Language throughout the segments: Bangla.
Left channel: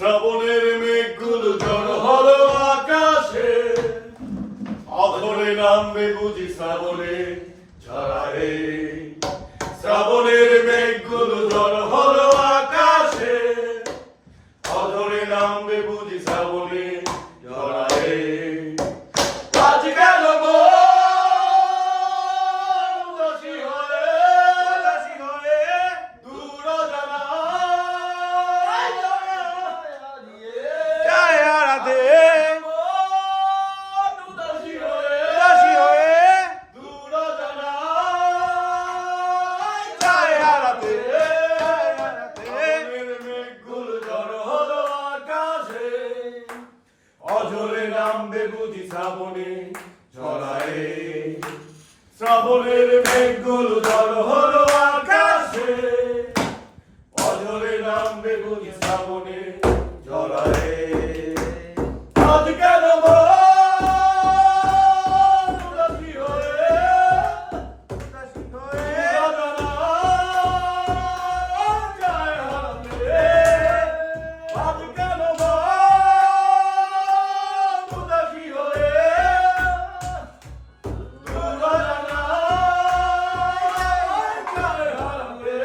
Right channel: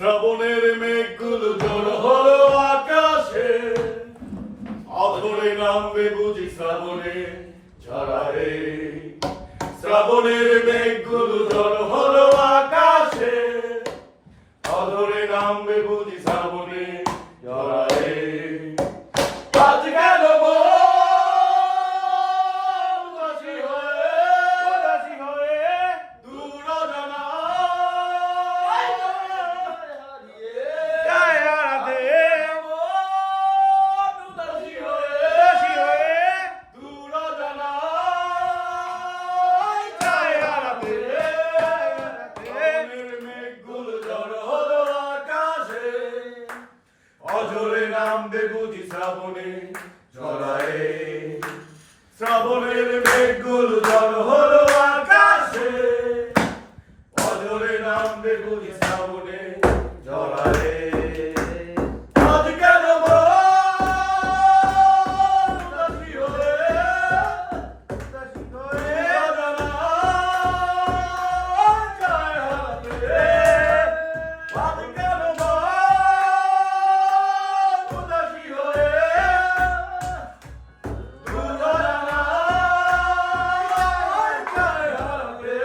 শ্রাবণের মেঘগুলো ঝড় হলো আকাশে, অধরে নামবে বুঝি শ্রাবণে ঝরায়ে। শ্রাবণের মেঘগুলো ঝড় হলো আকাশে, অধরে নামবে বুঝি শ্রাবণে ঝরায়ে। আজ গেল উদাসী হয়ে দূর জানায় যায় হারাতে। উদাসী হয়ে দূর জানায় যায় হারাতে। মেঘগুলো ঝড় হলো আকাশে, অঝরে নামবে বুঝি শ্রাবণে ঝরায়ে। শ্রাবণের মেঘগুলো ঝড় হলো আকাশে, অঝরে নামবে বুঝি শ্রাবণে ঝরায়ে। আজ গেল উদাসী হয়ে যায় হারাতে। আজ গেল উদাসী হয়ে দূর জানায় যায় হারাতে।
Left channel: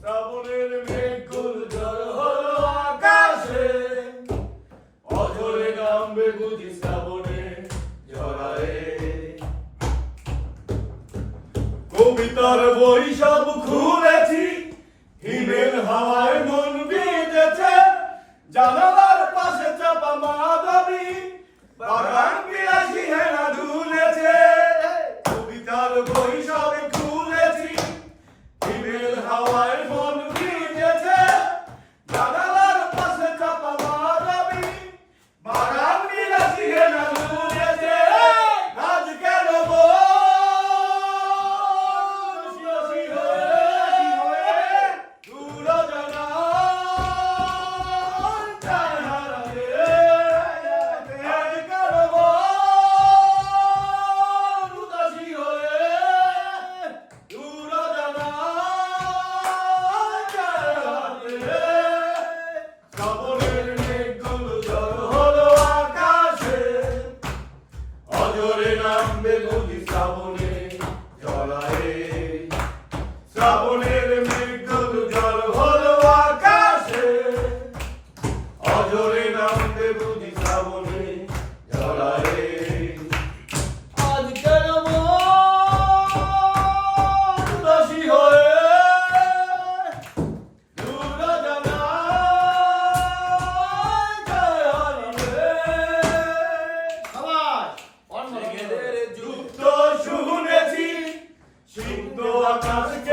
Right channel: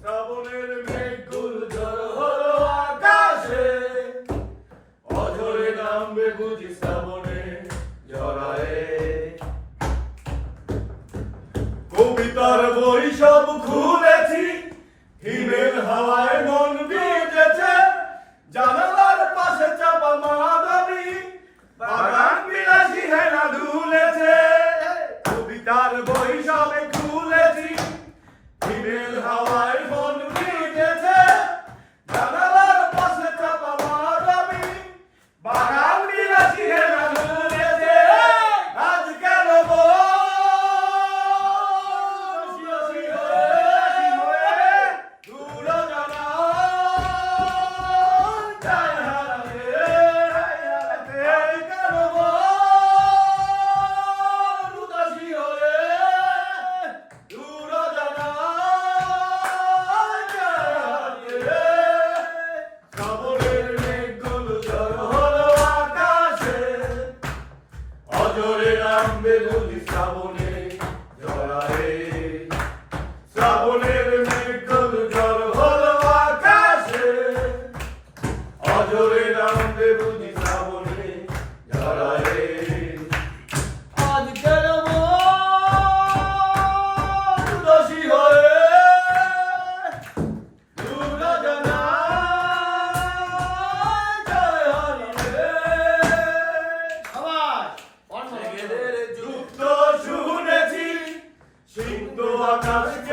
শ্রাবণের মেঘগুলো ঝড় হলো আকাশে, অঝরে নামবে বুঝি শ্রাবণে ঝরায়ে। কবিতার বই সব খুলেছি, হিমেল হাওয়ায় মন ভিজেছে। জানালার পাশে চাপা মাধবী, বাগান বিলাসী হেনা দুলেছে। কবিতার বই সব খুলেছি, হিমেল হাওয়ায় মন ভিজেছে। জানালার পাশে চাপা মাধবী, বাগান বিলাসী হেনা দুলেছে। আজ গেল উদাসী হয়ে দূর জানায় যায় হারাতে। আজ গেল উদাসী হয়ে দূর জানায় যায় হারাতে। শ্রাবণের মেঘগুলো ঝড় হলো আকাশে, অঝরে নামবে বুঝি শ্রাবণে ঝরায়ে। শ্রাবণের মেঘগুলো ঝড় হলো আকাশে, অঝরে নামবে বুঝি শ্রাবণে ঝরায়ে। আজ গেল উদাসী হয়ে দূর জানায় যায় হারাতে। যুক্ত শুনেছি সিদ্ধ আকাশকে